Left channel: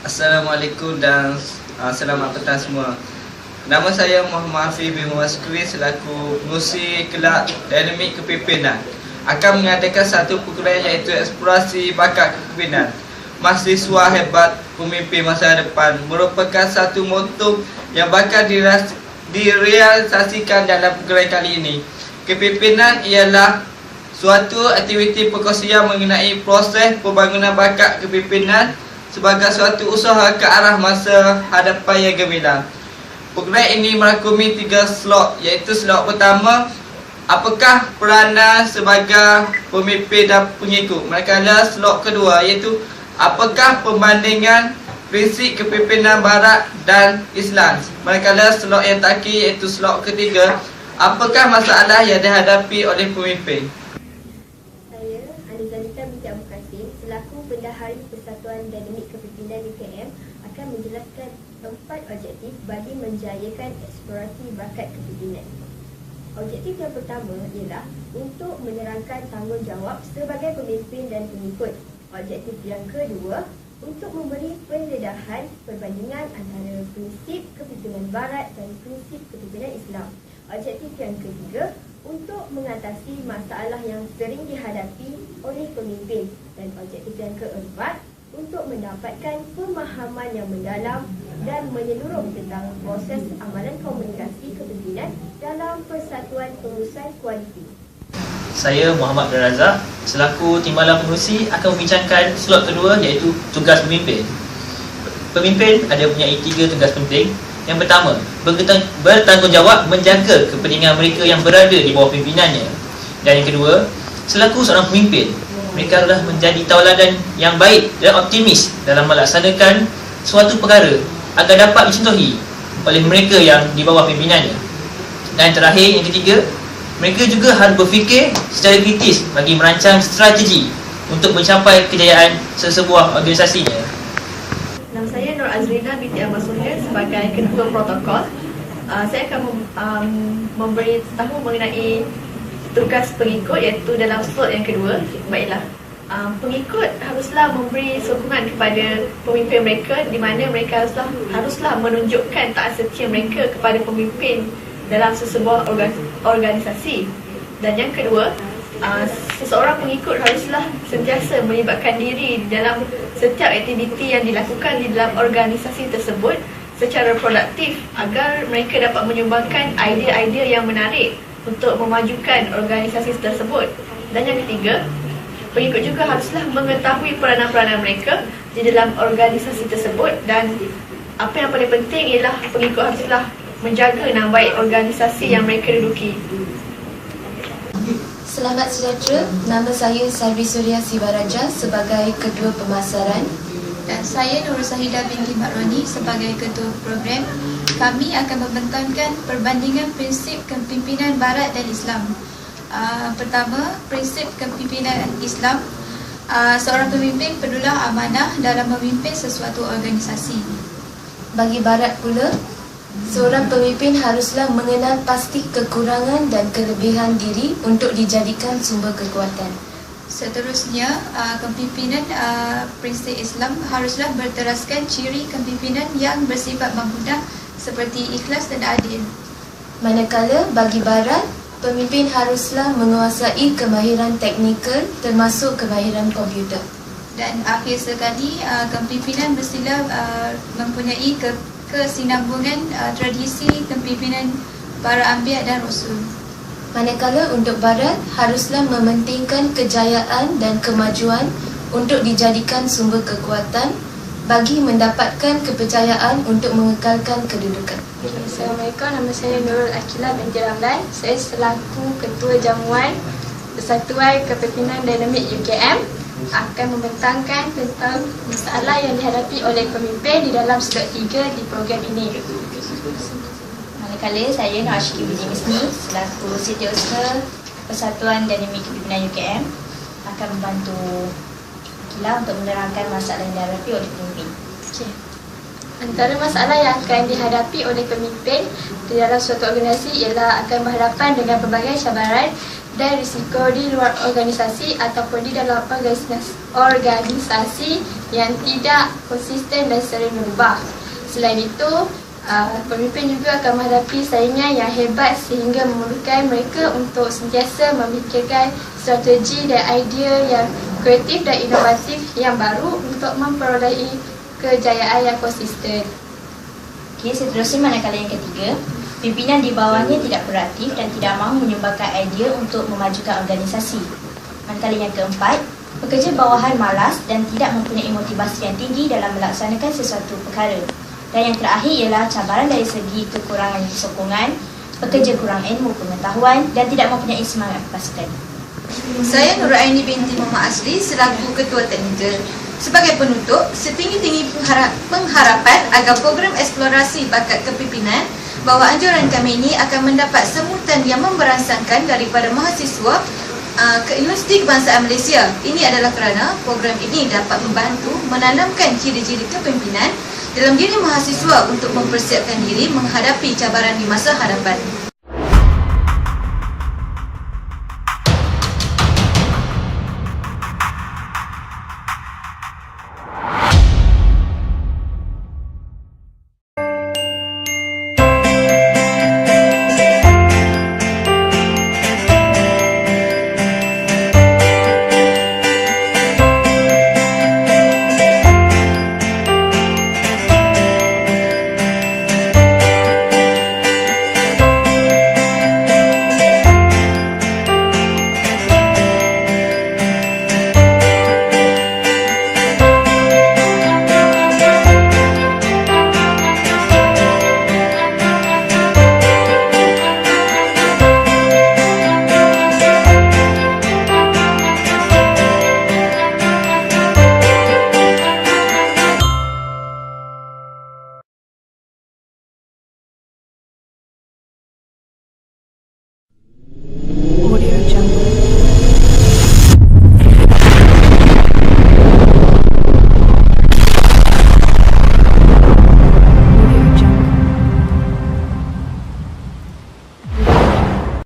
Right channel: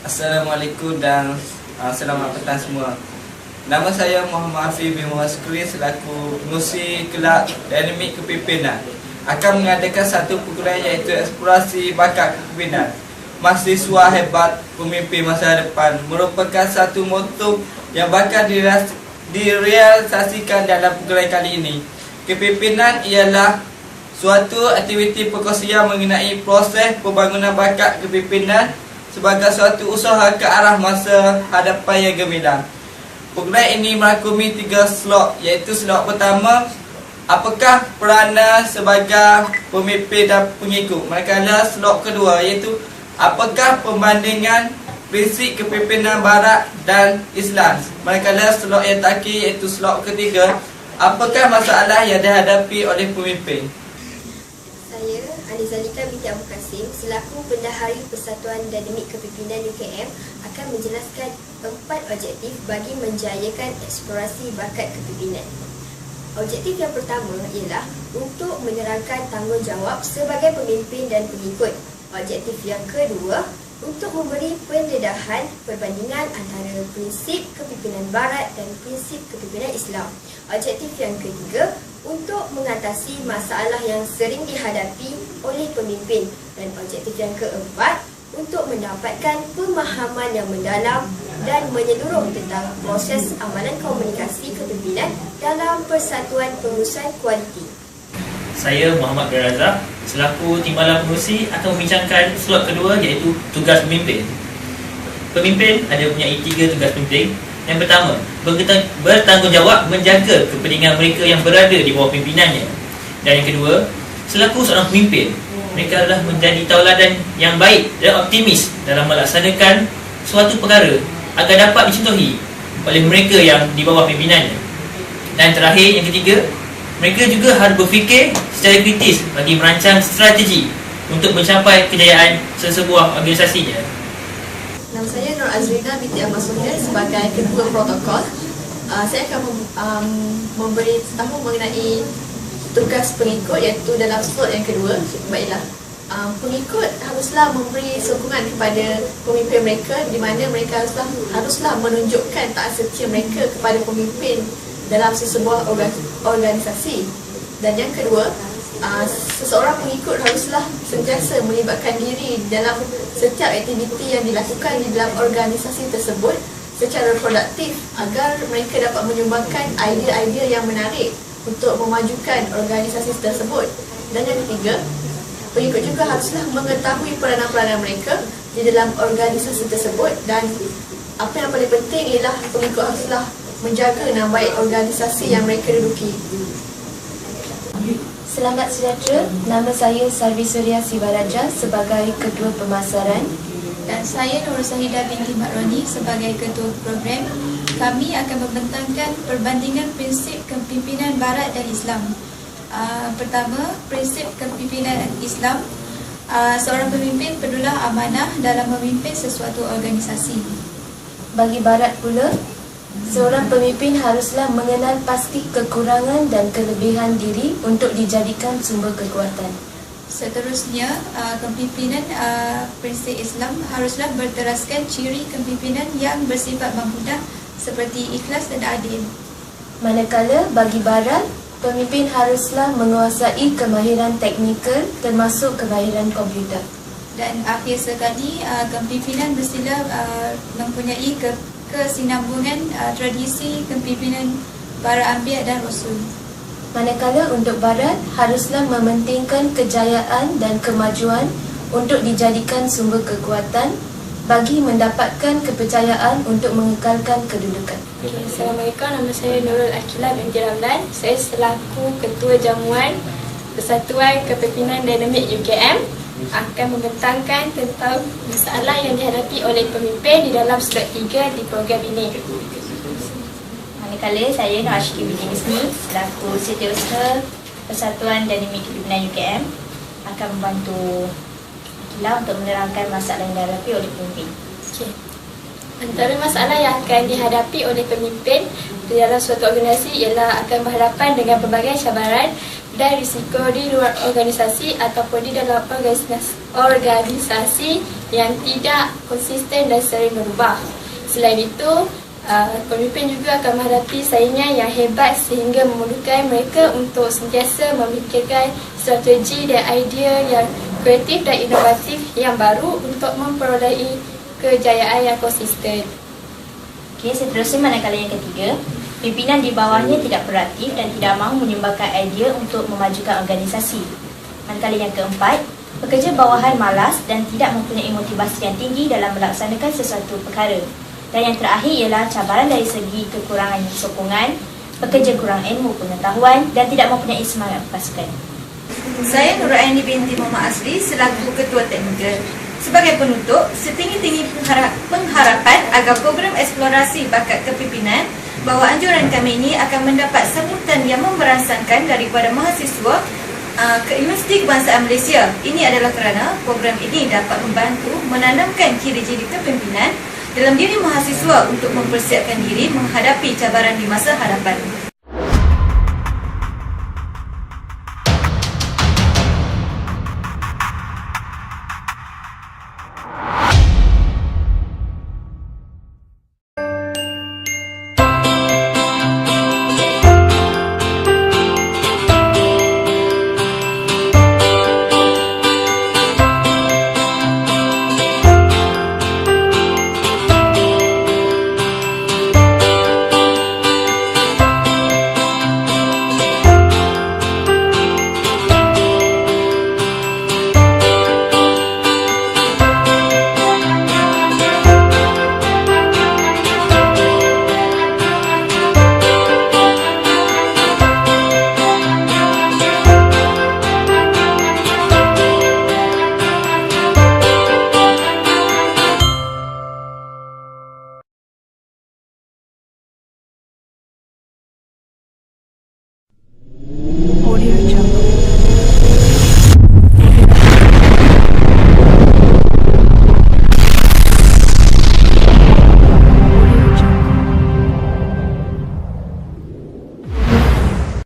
Assalamualaikum dan selamat petang semua. Nama saya Muhammad Hafiz bin Maskuri selaku pengurusi Kelab Dinamik Kepimpinan akan mengadakan satu perkuliahan iaitu eksplorasi bakat kepimpinan. Mahasiswa hebat pemimpin masa depan merupakan satu moto yang bakal direalisasikan dalam perkuliahan kali ini. Kepimpinan ialah suatu aktiviti perkongsian mengenai proses pembangunan bakat kepimpinan sebagai suatu usaha ke arah masa hadapan yang gemilang. Perkuliahan ini merangkumi 3 slot, iaitu slot pertama, apakah peranan sebagai pemimpin dan pengikut. Manakala slot kedua iaitu apakah perbandingan prinsip kepimpinan Barat dan Islam. Manakala slot yang terakhir iaitu slot ketiga, apakah masalah yang dihadapi oleh pemimpin. Zalika binti Abu Kasim selaku Bendahari Persatuan Dinamik Kepimpinan UKM akan menjelaskan 4 objektif bagi menjayakan eksplorasi bakat kepimpinan. Objektif yang pertama ialah untuk menerangkan tanggungjawab sebagai pemimpin dan pengikut. Objektif yang kedua, untuk memberi pendedahan perbandingan antara prinsip kepimpinan Barat dan prinsip kepimpinan Islam. Objektif yang ketiga, untuk mengatasi masalah yang sering dihadapi oleh pemimpin. Dan objektif yang keempat, untuk mendapatkan pemahaman yang mendalam dan menyeluruh tentang proses amalan komunikasi kepimpinan dalam Persatuan Pengurusan Kualiti. Saya Muhammad bin Razak selaku Timbalan Pengurusi akan membincangkan slot kedua iaitu tugas pemimpin. Pemimpin ada mempunyai 3 tugas penting. Yang pertama, bertanggungjawab menjaga kepentingan mereka yang berada di bawah pimpinannya. Dan yang kedua, selaku seorang pemimpin, mereka adalah menjadi tauladan yang baik dan optimis dalam melaksanakan suatu perkara agar dapat dicontohi oleh mereka yang di bawah pimpinannya. Dan terakhir, yang ketiga, mereka juga harus berfikir secara kritis bagi merancang strategi untuk mencapai kejayaan sesebuah organisasinya. Nama saya Nur Azrina binti Ahmad Suhair sebagai Ketua Protokol. Saya akan memberitahu mengenai tugas pengikut iaitu dalam slot yang kedua. Baiklah, pengikut haruslah memberi sokongan kepada pemimpin mereka di mana mereka haruslah menunjukkan taat setia mereka kepada pemimpin dalam sesebuah organisasi. Dan yang kedua, seseorang pengikut haruslah sentiasa melibatkan diri dalam setiap aktiviti yang dilakukan di dalam organisasi tersebut secara produktif agar mereka dapat menyumbangkan idea-idea yang menarik untuk memajukan organisasi tersebut. Dan yang ketiga, pengikut juga haruslah mengetahui peranan-peranan mereka di dalam organisasi tersebut. Dan apa yang paling penting ialah pengikut haruslah menjaga nama baik organisasi yang mereka duduki. Selamat sejahtera, nama saya Salvi Surya Sibaraja sebagai Ketua Pemasaran. Dan saya Nur Sahidah binti Makroni sebagai Ketua Program. Kami akan membentangkan perbandingan prinsip kepimpinan Barat dan Islam. Pertama, prinsip kepimpinan Islam. Seorang pemimpin perlulah amanah dalam memimpin sesuatu organisasi. Bagi Barat pula, seorang pemimpin haruslah mengenal pasti kekurangan dan kelebihan diri untuk dijadikan sumber kekuatan. Seterusnya, kepimpinan prinsip Islam haruslah berteraskan ciri kepimpinan yang bersifat mampunah seperti ikhlas dan adil. Manakala bagi Barat, pemimpin haruslah menguasai kemahiran teknikal termasuk kemahiran komputer. Dan akhir sekali, kepimpinan mestilah mempunyai kesinambungan tradisi kepimpinan para anbiya dan rasul. Manakala untuk Barat haruslah mementingkan kejayaan dan kemajuan untuk dijadikan sumber kekuatan bagi mendapatkan kepercayaan untuk mengekalkan kedudukan. Assalamualaikum, nama saya Nurul Akilah binti Ramlan. Saya selaku Ketua Jamuan Persatuan Kepimpinan Dinamik UKM akan membentangkan tentang masalah yang dihadapi oleh pemimpin di dalam slot 3 di program ini. Manakala saya Nur Ashki binti Misni selaku Setiausaha Persatuan Dinamik Kepimpinan UKM akan membantu Akilah untuk menerangkan masalah yang dihadapi oleh pemimpin. Antara masalah yang akan dihadapi oleh pemimpin di dalam suatu organisasi ialah akan berhadapan dengan pelbagai cabaran dan risiko di luar organisasi ataupun di dalam organisasi yang tidak konsisten dan sering berubah. Selain itu, pemimpin juga akan menghadapi saingan yang hebat sehingga memerlukan mereka untuk sentiasa memikirkan strategi dan idea yang kreatif dan inovatif yang baru untuk memperolehi kejayaan yang konsisten. Okey, seterusnya manakala yang ketiga, pimpinan di bawahnya tidak proaktif dan tidak mahu menyumbangkan idea untuk memajukan organisasi. Manakala yang keempat, pekerja bawahan malas dan tidak mempunyai motivasi yang tinggi dalam melaksanakan sesuatu perkara. Dan yang terakhir ialah cabaran dari segi kekurangan sokongan, pekerja kurang ilmu pengetahuan dan tidak mempunyai semangat pasukan. Saya Nur Aini binti Muhammad Azri selaku Ketua Teknikal. Sebagai penutup, setinggi-tinggi pengharapan agar program eksplorasi bakat kepimpinan bahawa anjuran kami ini akan mendapat sambutan yang memberangsangkan daripada mahasiswa ke Universiti Kebangsaan Malaysia. Ini adalah kerana program ini dapat membantu menanamkan ciri-ciri kepimpinan dalam diri mahasiswa untuk mempersiapkan diri menghadapi cabaran di masa hadapan.